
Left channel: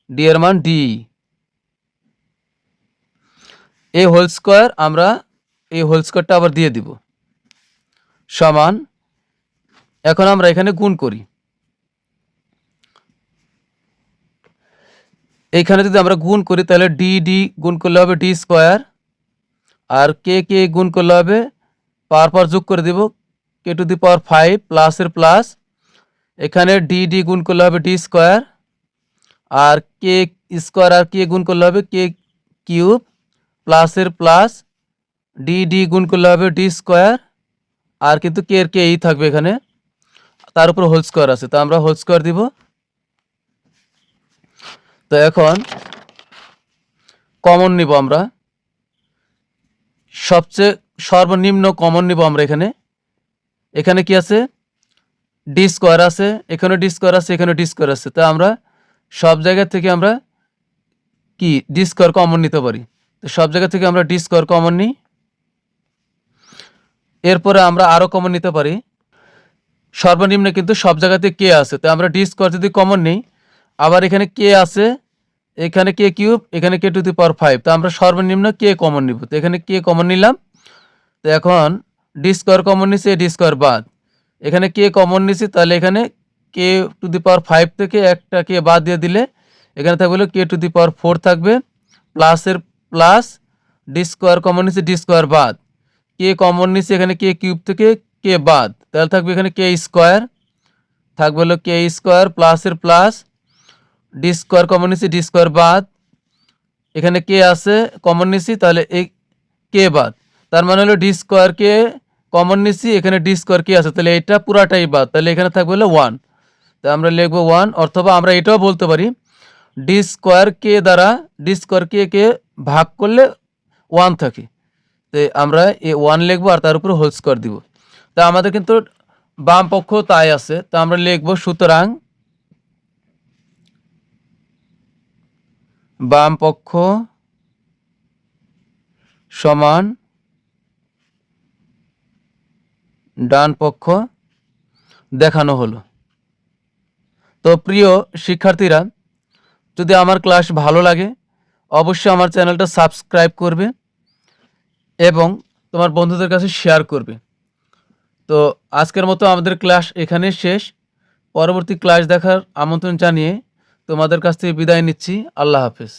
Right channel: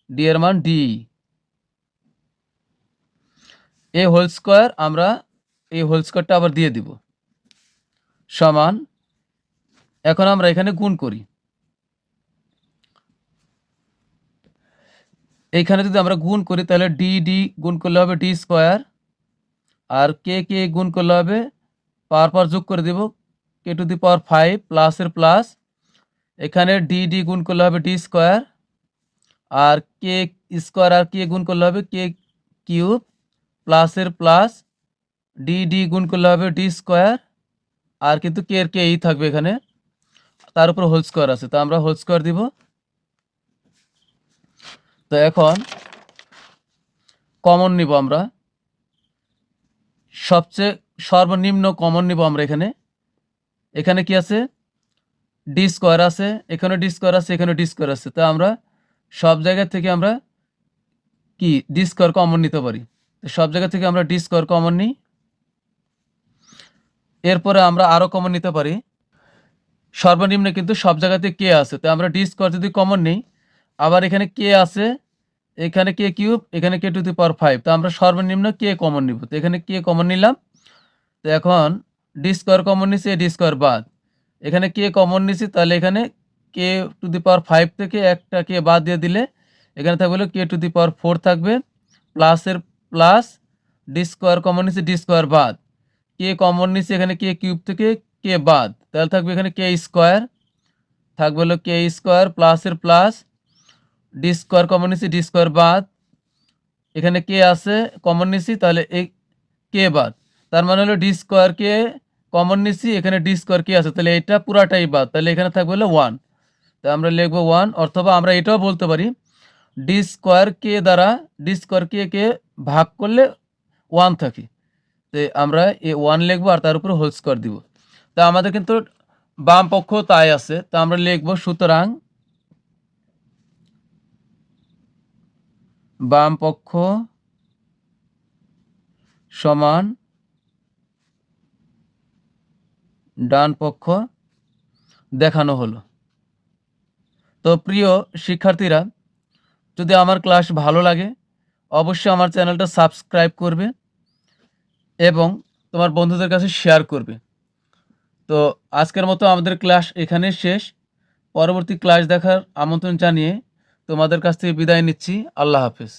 ডি এর মান ডি, এই হোল স্কোয়ার আমরা এই হোল স্কোয়ারটা আবার দিয়ে দিব সমান। এখন আমরা এখানে গুণ করি, এইখানে যদি আমরা গুণ করি তাহলে ডি ডি গুণ করলে হবে ডি স্কোয়ার, আর কে কে গুণ করলে হবে পাওয়ার যোগ করে দেব কে টু দি পাওয়ার 5 প্লাসের প্লাস, এখানে ডি ডি গুণ করলে হবে ডি স্কোয়ার, আর কে স্কোয়ার আর কে গুণ করলে হবে কে কিউব প্লাসের প্লাস, ডি ডি গুণ করলে হবে ডি স্কোয়ার, আর কিন্তু কে এর কে এই থাকবে এখানে, তার উপর হোল স্কোয়ার আছে, তো আমরা হোল স্কোয়ার দিব। তো এখন কমন নিব আমরা, সবচেয়ে সর্বনিম্ন কমন নিব আমরা এখানে, এখানে কি আছে ডি স্কোয়ার আছে, এখানে ডি স্কোয়ার আছে, এখানে ডি স্কোয়ার আছে, তো আমরা সব জায়গা থেকে আমরা কি ডি স্কোয়ার কমন নিতে পারি। তো সব জায়গা থেকে আমরা ডি স্কোয়ার কমন নিই, এরপরে আমরা আরও কমন নিতে পারি, সর্বনিম্ন কিন্তু সব জায়গাতে কে আছে, তো আমরা ডি স্কোয়ার যদি কমন নিই, আবার এখানে কে আছে, এখানে কে কিউব, এখানে কে টু দি পাওয়ার 5, তো আমরা সর্বনিম্ন কে কমন নিব, তো এখানে কে কমন নিলাম। তো এখন ডি স্কোয়ার কমন নিছি, ডি স্কোয়ার বাদ, এখানে কে কমন নিছি, তাহলে এখানে কে টু দি পাওয়ার 5 থেকে একটা কে বাদ দিয়ে দিলে এখানে থাকবে হলো কে টু দি পাওয়ার 4 থাকবে, প্লাসের প্লাস, ডি স্কোয়ার কমন নিছি, ডি স্কোয়ার বাদ, কে কমন নিছি এখানে কে কিউব থেকে কে বাদ, তাহলে থাকবে এখানে কে স্কোয়ার, থাকবে হলো কে স্কোয়ার প্লাসের প্লাস, ডি স্কোয়ার কমন নিছি, ডি স্কোয়ার বাদ, এখানে কে আছে কমন নিছি, তাহলে এই কে বাদ, তার মানে হলো ডি স্কোয়ার কে কমন নিছি, এখানে ডি স্কোয়ার কে আছে, তাহলে এটা পুরাটাই বাদ, তাহলে এখানে থাকবে হলো 1, তো আমরা লিখবো 1, অথবা আমরা এটাও বলতে পারি ডি স্কোয়ার কে দ্বারা ডি স্কোয়ার কে ভাগ করলে 1 থাকে, তো আমরা এ 1 লিখবো আর তার উপরে হোল স্কোয়ার দিব। তা আমাদের কিন্তু বাম পক্ষ তাই আছে, তো আমরা লিখবো সুতরাং বাম পক্ষ সমান ডান পক্ষ দেখানো হলো। তো প্রিয় শিক্ষার্থীরা, যদি আমার ক্লাস ভালো লাগে অবশ্যই আমার চ্যানেলটা সাবস্ক্রাইব করবে এবং তোমার বন্ধুদের কাছে শেয়ার করবে। তো আজকের মতো আমাদের ক্লাস এখানে শেষ, পরবর্তী ক্লাস দেখার আমন্ত্রণ জানিয়ে তোমাদের কাছ থেকে বিদায় নিচ্ছি। আল্লাহ হাফেজ।